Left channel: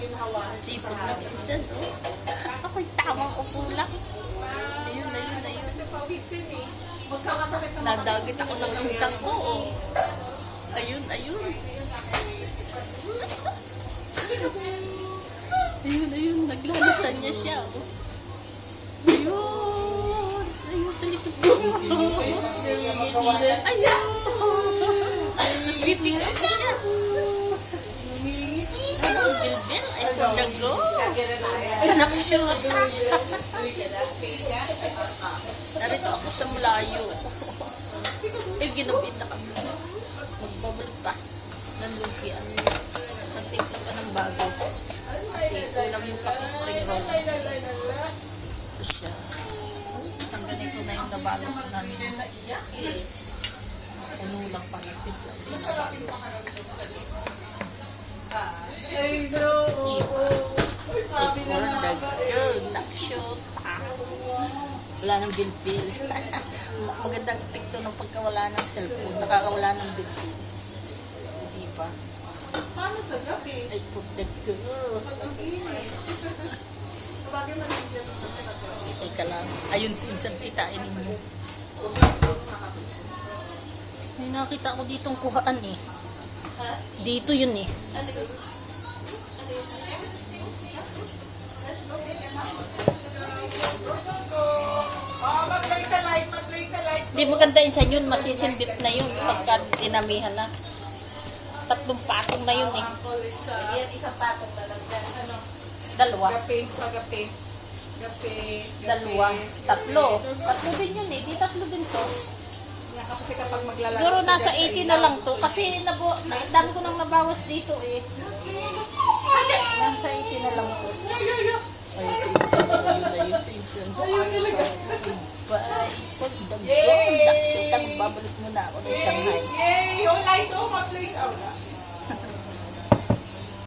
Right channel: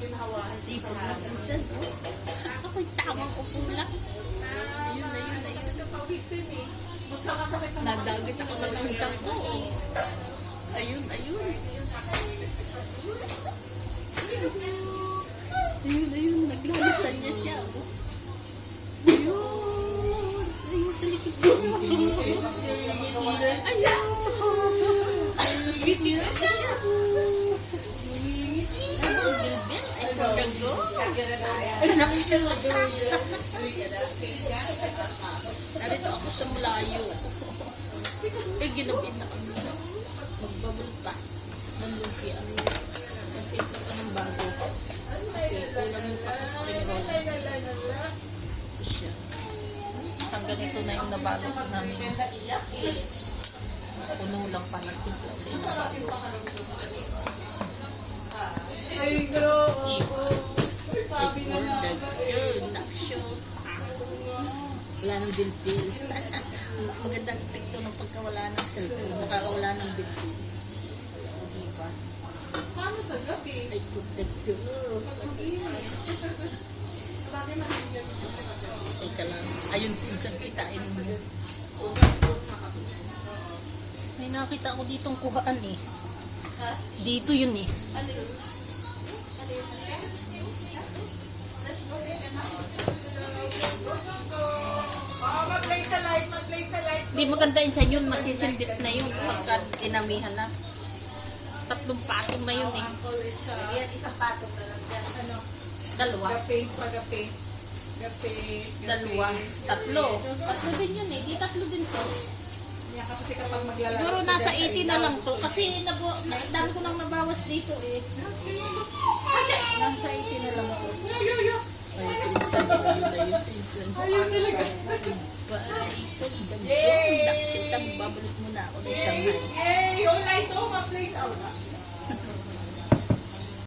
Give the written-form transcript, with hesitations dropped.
Sipon na isa, no? Ako'y tamang upo lang. Ayun. Nadagit ako ng isang ko, oh. Ayun. Ayun, naglalasan niya siya, oh. Ayun, sa likod ko. Ayun. Nag-pick up siya. Gilbert, ay pagkago. Narito ako sa Mulayo. Ginapin na kami. Magbabal pa. Nandun si nagtipin pa ng bago. Kasi kulang yung paki-spring roll. Ito siya. Isang ganito na yung nabalot namin. Puno lang pa nagtipin. Wala ng bilbil. Magandang epekto ng pagkawala ng cellphone. Nakakawala ng bilbil. Hindi ba? Paano sa gabi? Ay, protect ko. Teka lang. Ayun, sinsan kitain mo. May nakita ko ditong kuhaan eh. Dito yun eh. Mag-play sa light. Hindi maganda yun sa yun. Masisimbit na yun pagka inamihan na. 3 patong na yun eh. Yan, isang patong na lang. Ano? 2. Gape. 2. 3 din yun eh. Di 3 din to. Kasi kapag maglalaro Siguro nasa 80 na lang to. Kasi daan ko nang mabawas dito eh. Nasa 80 na lang to. Ayun, si Insan. Ayun talaga. Pagdagdag. Magbabalik muna ako ng Shanghai. Yay! Yung light, mag-play sa aula.